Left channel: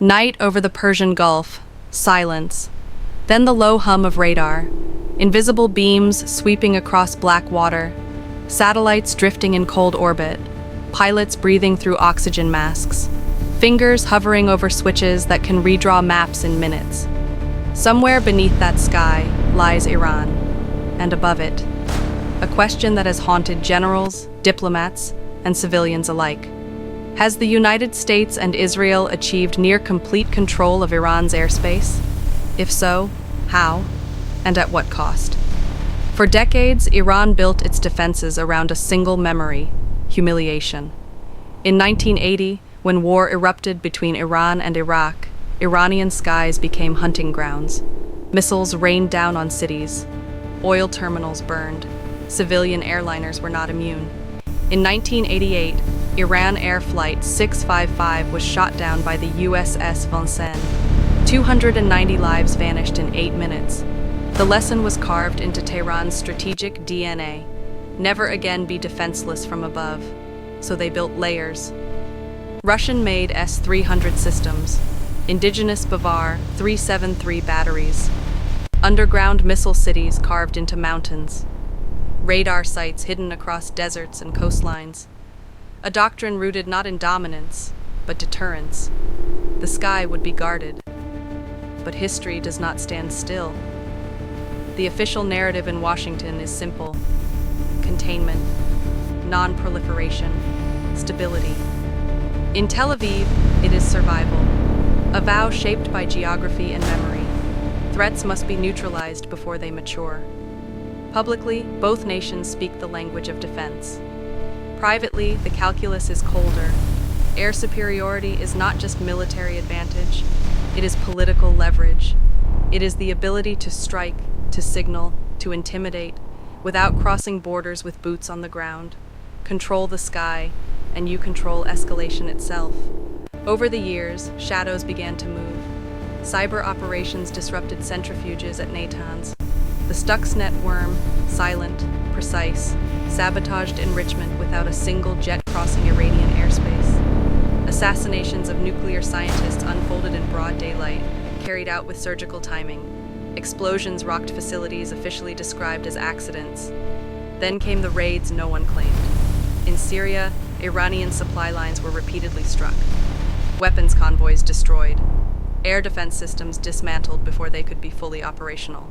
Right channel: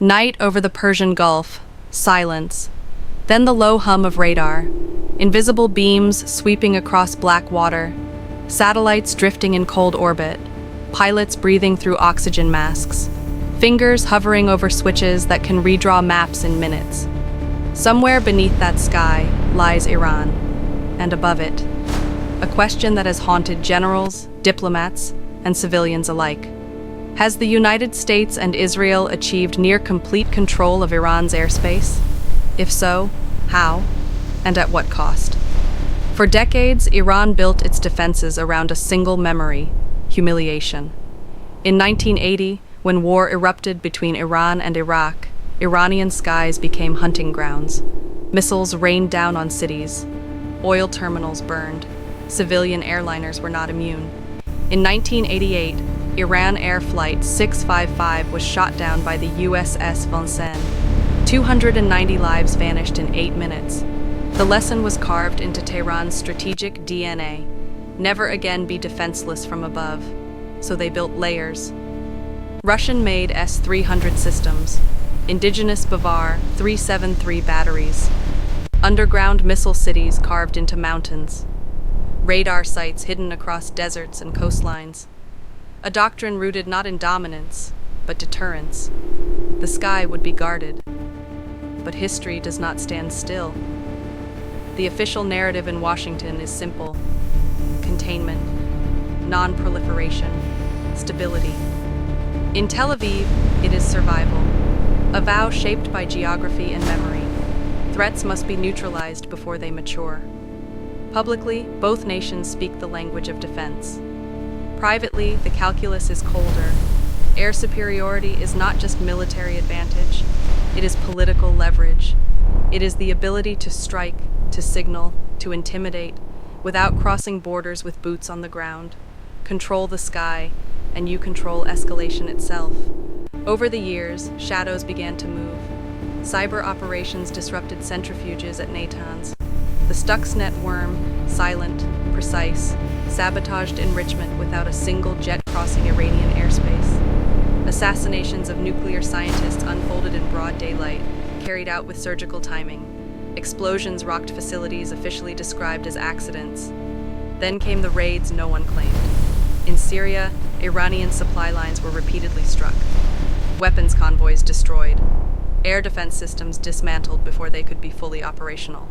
Night over the Persian Gulf, silence. Then the low hum of radar, invisible beams sweeping across black water, satellites drifting in cold orbit, pilots breathing through oxygen masks, fingers hovering over switches that can redraw maps in minutes. Somewhere beneath that sky lies Iran, and above it, a question that has haunted generals, diplomats, and civilians alike. Has the United States and Israel achieved near complete control of Iran's airspace? If so, how, and at what cost? For decades, Iran built its defenses around a single memory: humiliation. In 1980, when war erupted between Iran and Iraq, Iranian skies became hunting grounds. Missiles rained down on cities. Oil terminals burned. Civilian airliners were not immune. In 1988, Iran Air Flight 655 was shot down by the USS Vincennes. 290 lives vanished in 8 minutes. The lesson was carved into Tehran's strategic DNA: never again be defenseless from above. So they built layers. Russian-made S-300 systems, indigenous Bavar 373 batteries, underground missile cities carved into mountains, radar sites hidden across deserts and coastlines. A doctrine rooted not in dominance, but deterrence. The sky would be guarded. But history does not stand still. The official narrative in Washington is simple: containment, non-proliferation, stability. In Tel Aviv, it is survival, a vow shaped by geography and memory. Threats must be neutralized before they mature. Publicly, both nations speak the language of defense. Privately, the calculus is colder. Air superiority is not just military advantage, it is political leverage. It is the ability to strike, to signal, to intimidate, without crossing borders with boots on the ground. Control the sky, and you control escalation itself. Over the years, shadows began to move. Cyber operations disrupted centrifuges at Natanz. The Stuxnet worm, silent, precise, sabotaged enrichment without a single jet crossing Iranian airspace. Assassinations of nuclear scientists unfolded in broad daylight, carried out with surgical timing. Explosions rocked facilities officially described as accidents. Then came the raids no one claimed. In Syria, Iranian supply lines were repeatedly struck. Weapons convoys destroyed. Air defense systems dismantled before they could be fully operational.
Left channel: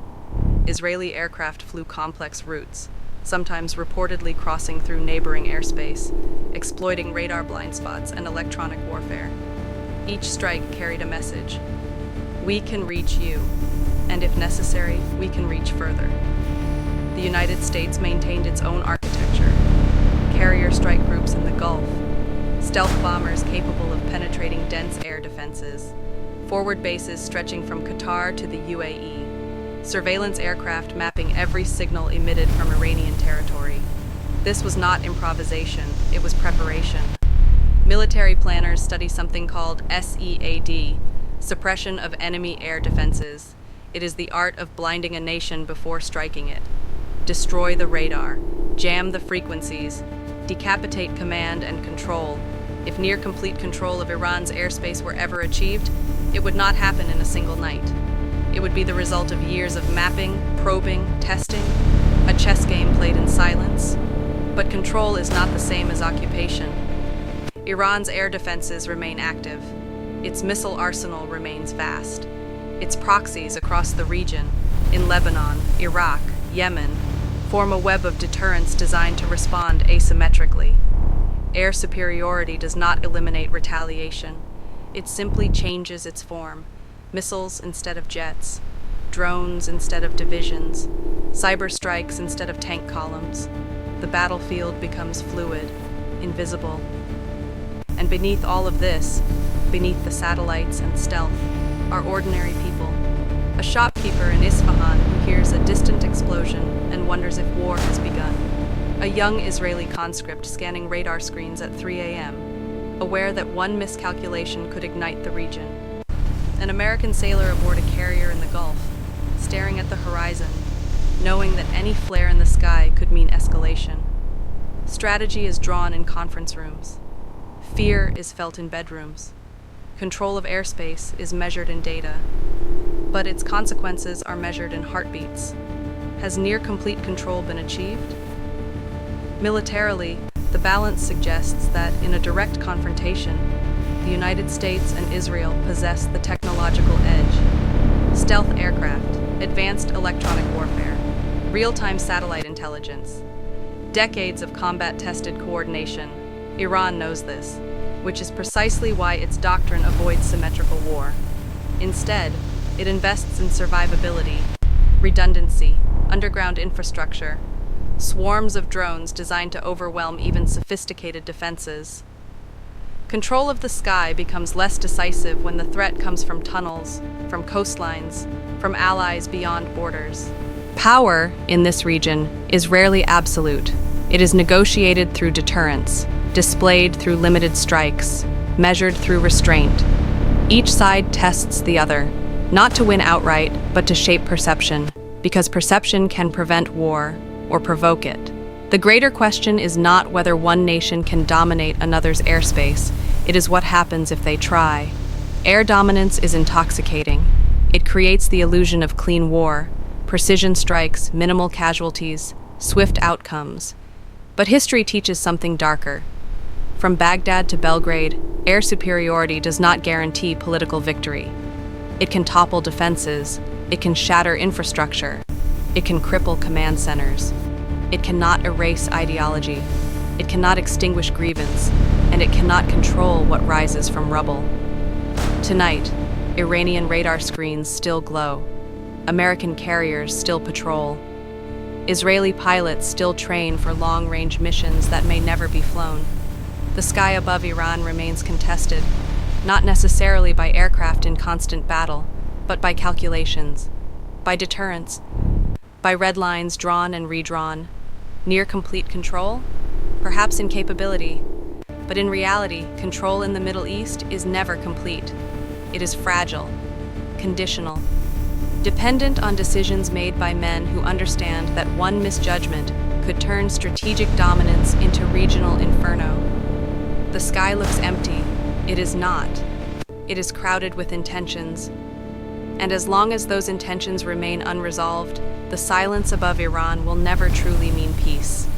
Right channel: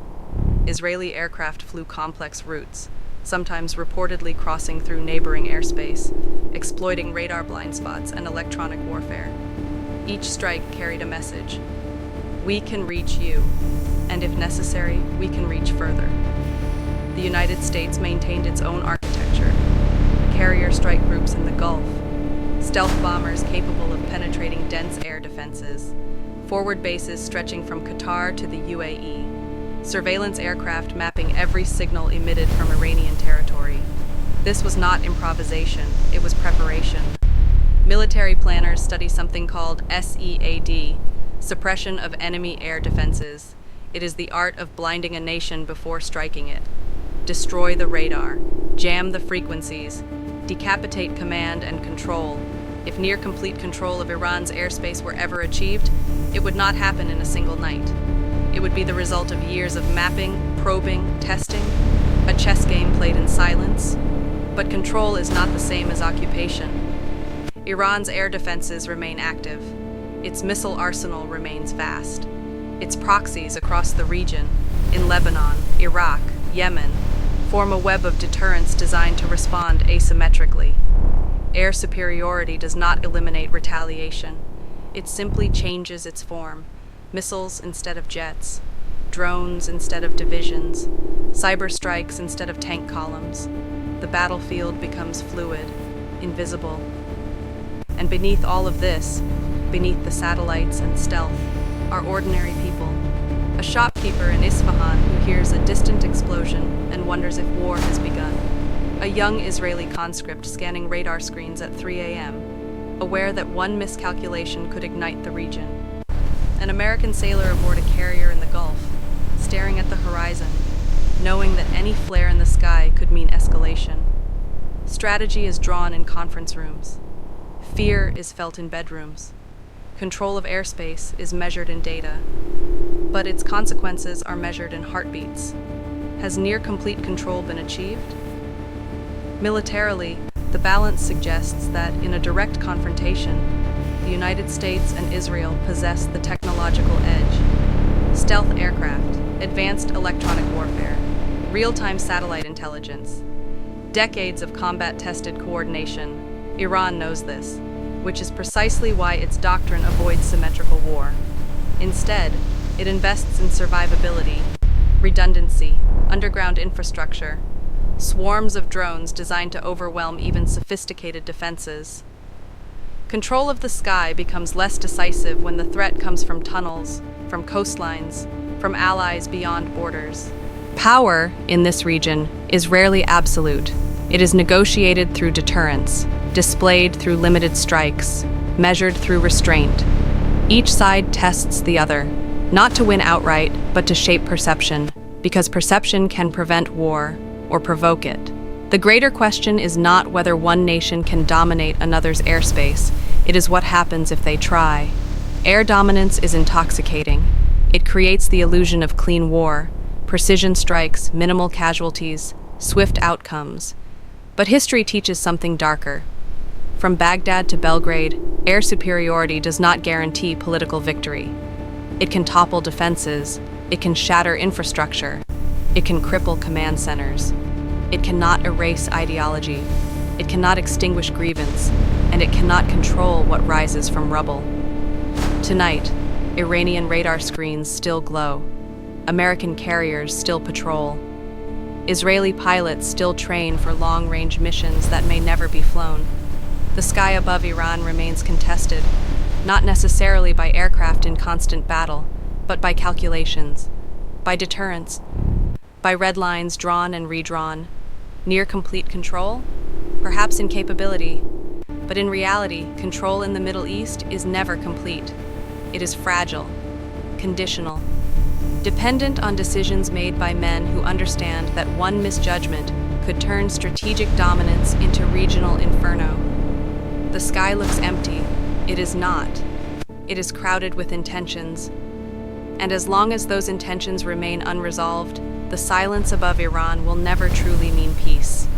Israeli aircraft flew complex routes, sometimes reportedly crossing through neighboring airspace, exploiting radar blind spots and electronic warfare. Each strike carried a message: we can reach you, and if necessary, we can reach further. The United States maintained its own architecture: carrier strike groups in the Gulf, stealth bombers capable of penetrating dense air defenses, forward bases stretching from Qatar to the UAE, surveillance aircraft mapping every signal emitted from Iranian territory. This was not improvisation, it was preparation. Military planners study something called SEAD, suppression of enemy air defenses. It is the art of blinding a nation before striking it. Destroy the radar, jam the frequencies, decapitate command and control. If near complete control of Iran's airspace were ever achieved, it would not happen in a single night. It would be the result of years of mapping, probing, testing, a chess game played in silence. But control is not the same as occupation. Iran's air defenses remain active. Its missile arsenal remains vast. Its proxies across the region, in Lebanon, Iraq, Yemen, form a web of deterrence designed to respond asymmetrically. Air superiority does not eliminate retaliation. It simply changes its form: missiles instead of jets, drones instead of divisions, cyber strikes instead of tank columns. The battlefield becomes fluid, invisible. And beneath all of this, beneath the satellites and stealth, are ordinary people. A shopkeeper in Isfahan who hears a distant explosion and wonders if war has begun. A young Israeli conscript scanning radar screens at 3 a.m., aware that one miscalculation could ignite the region. An American sailor aboard a carrier in the Gulf, staring at the horizon, knowing that any flare in the sky could mean escalation. Strategy is drawn in conference rooms. Fear is felt in bedrooms. Control of airspace is measured in data, but its consequences are measured in heartbeats. Has near-complete control been achieved? Militarily, the balance suggests that in a direct confrontation, the United States and Israel possess the technological edge. Stealth aircraft, advanced electronic warfare, real-time satellite intelligence, decades of combat-tested coordination. Iran knows this, which is precisely why its doctrine avoids symmetrical war. Instead, it invests in survivability, redundancy, underground infrastructure, swarms of drones designed to overwhelm even sophisticated defenses. Control of the sky becomes less decisive when the threat comes from tunnels, from coastlines, from allies beyond borders. Power, in this region, is rarely absolute. It is negotiated through deterrence, displayed through limited strikes, measured through restraint. Each side tests the other, not to win outright, but to shape perception, because perception can prevent war or provoke it. The greater question is not whether one nation can dominate another's airspace, it is what happens if they try. Air dominance is intoxicating. It creates the illusion of clean war, precision strikes, minimal casualties, swift outcomes. But history teaches something darker. From Baghdad to Belgrade, air superiority does not guarantee political victory. It can topple defenses, it can shatter infrastructure, it can cripple command centers. It cannot erase ideology, it cannot extinguish grievance, and it cannot control what rises from rubble. Tonight, Iranian radar screens still glow. American carriers still patrol. Israeli pilots still train for long-range missions that may never be flown. The sky above Iran remains contested, not necessarily by aircraft in constant battle, but by calculations, by deterrence, by red lines drawn and redrawn. Near complete control? Perhaps in capability, but in reality, control in the Middle East is never complete. It is fragile, conditional, dependent on decisions made by men who understand that one misjudgment could turn strategic dominance into regional inferno. The sky looks empty. It is not. It is crowded with intentions. And as long as those intentions remain unresolved, the silence above Iran will never truly mean peace.